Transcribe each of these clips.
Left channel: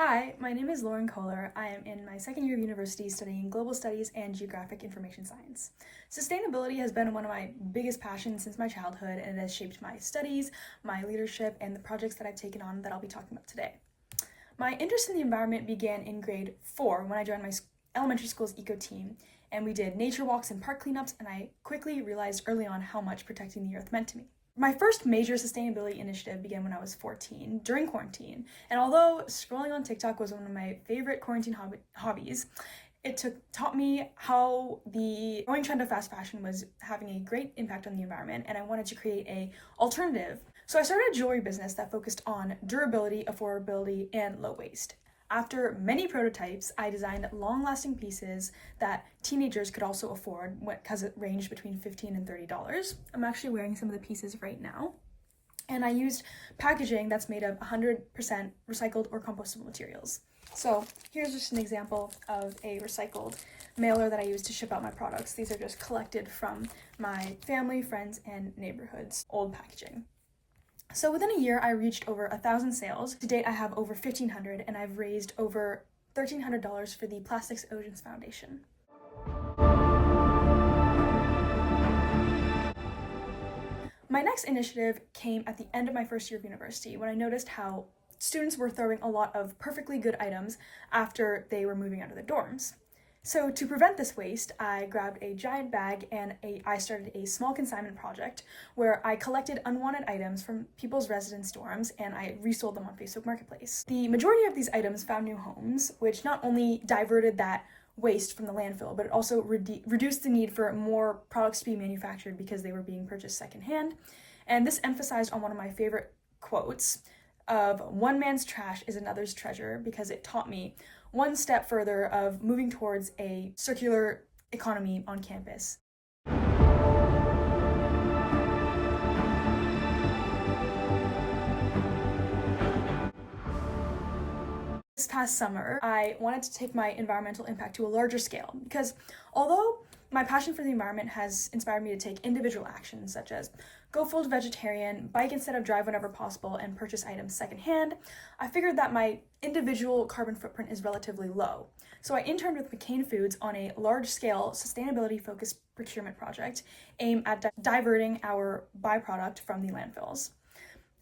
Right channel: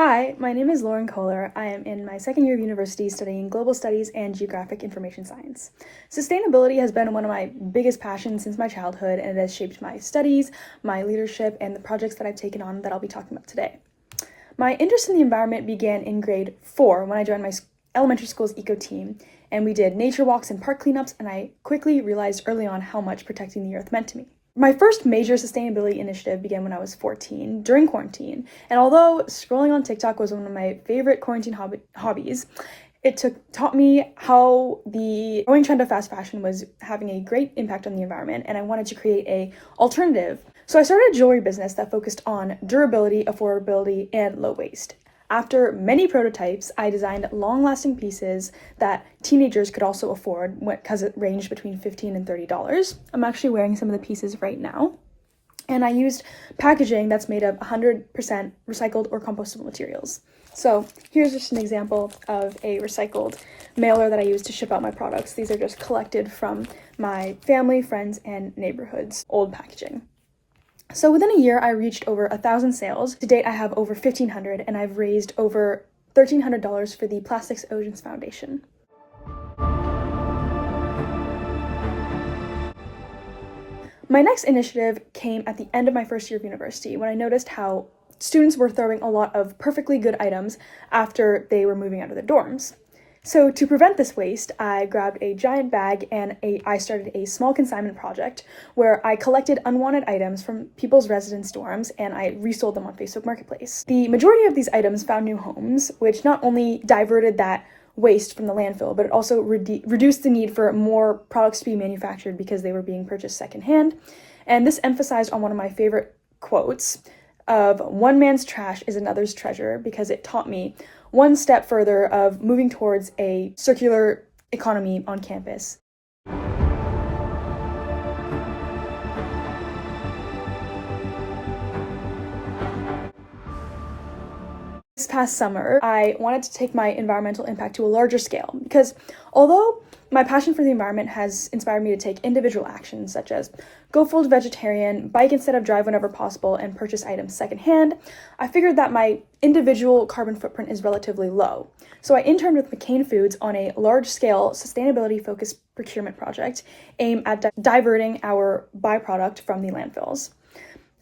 Hi, my name is Lauren Kohler. I am in my second year of university studying global studies and geographic information science. Sustainability has been one of my biggest passions since my childhood, and it has shaped my studies, my leadership, and the projects that I've taken on that I'll be talking about today. My interest in the environment began in grade 4 when I joined my elementary school's eco team, and we did nature walks and park cleanups, and I quickly realized early on how much protecting the earth meant to me. My first major sustainability initiative began when I was 14, during quarantine, and although scrolling on TikTok was one of my favorite quarantine hobbies, it taught me how the growing trend of fast fashion was having a great impact on the environment, and I wanted to create an alternative. So I started a jewelry business that focused on durability, affordability, and low waste. After many prototypes, I designed long-lasting pieces that teenagers could also afford because it ranged between $15 and $30. I'm actually wearing some of the pieces right now. And I used packaging that's made of 100% recycled or compostable materials. So here's just an example of a recycled mailer that I use to ship out my products. These are just collected from my family, friends, and neighborhood's old packaging. So within a year, I reached over 1,000 sales. To date, I have over 1,500, and I've raised over $1,300 for the Plastics Oceans Foundation. My next initiative came at the end of my first year of university when I noticed how students were throwing a lot of perfectly good items after they were moving out of their dorms. So to prevent this waste, I grabbed a giant bag and I started a small consignment project where I collected unwanted items from people's residence dorms and I resold them on Facebook Marketplace. The majority of these items found new homes, which not only diverted that waste from the landfill, but it also reduced the need for more products to be manufactured because they were being purchased secondhand. And this emphasized on one of my favorite quotes of "one man's trash is another's treasure," because it taught me one step further of moving towards a circular economy on campus. This past summer, I wanted to take my environmental impact to a larger scale because although my passion for the environment has inspired me to take individual actions such as go full vegetarian, bike instead of drive whenever possible, and purchase items secondhand, I figured that my individual carbon footprint is relatively low. So I interned with McCain Foods on a large-scale sustainability-focused procurement project aimed at diverting our byproduct from the landfills.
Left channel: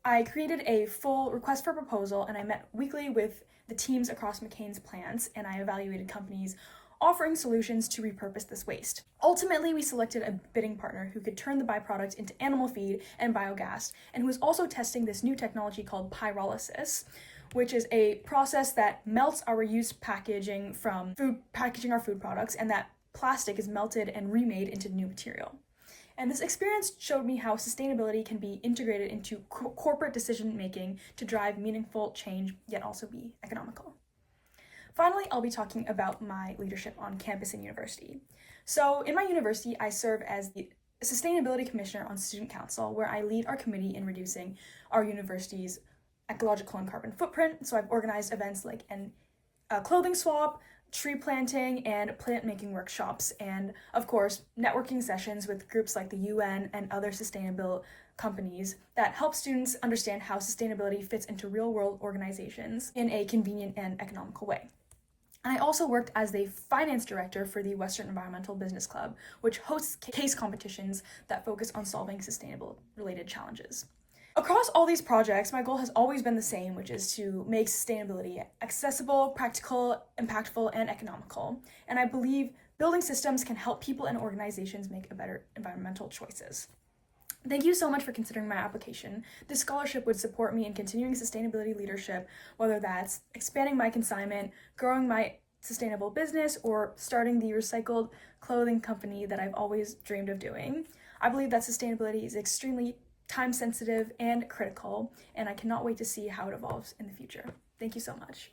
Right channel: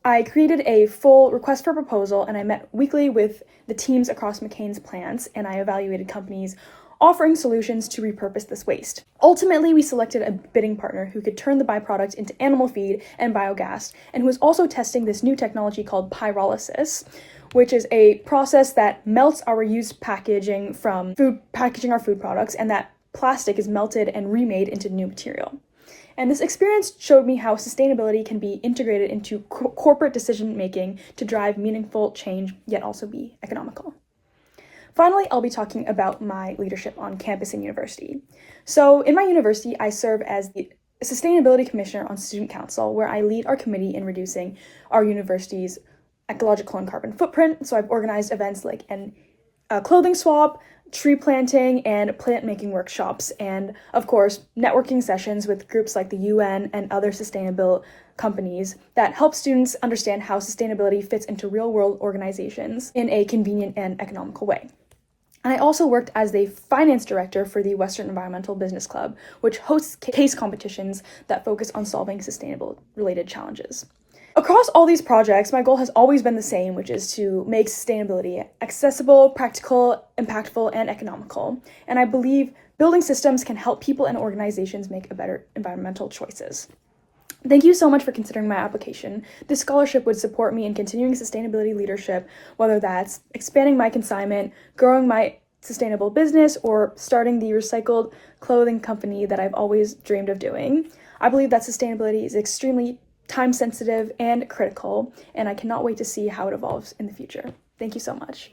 I created a full request for proposal and I met weekly with the teams across McCain's plants and I evaluated companies offering solutions to repurpose this waste. Ultimately, we selected a bidding partner who could turn the byproduct into animal feed and biogas and who was also testing this new technology called pyrolysis, which is a process that melts our used packaging from our food products, and that plastic is melted and remade into new material. And this experience showed me how sustainability can be integrated into corporate decision-making to drive meaningful change, yet also be economical. Finally, I'll be talking about my leadership on campus and university. So in my university, I serve as the Sustainability Commissioner on Student Council, where I lead our committee in reducing our university's ecological and carbon footprint. So I've organized events like a clothing swap, tree planting, and plant-making workshops, and of course, networking sessions with groups like the UN and other sustainable companies that help students understand how sustainability fits into real-world organizations in a convenient and economical way. And I also worked as the finance director for the Western Environmental Business Club, which hosts case competitions that focus on solving sustainable-related challenges. Across all these projects, my goal has always been the same, which is to make sustainability accessible, practical, impactful, and economical. And I believe building systems can help people and organizations make better environmental choices. Thank you so much for considering my application. This scholarship would support me in continuing sustainability leadership, whether that's expanding my consignment, growing my sustainable business, or starting the recycled clothing company that I've always dreamed of doing. I believe that sustainability is extremely time-sensitive and critical, and I cannot wait to see how it evolves in the future. Thank you so much.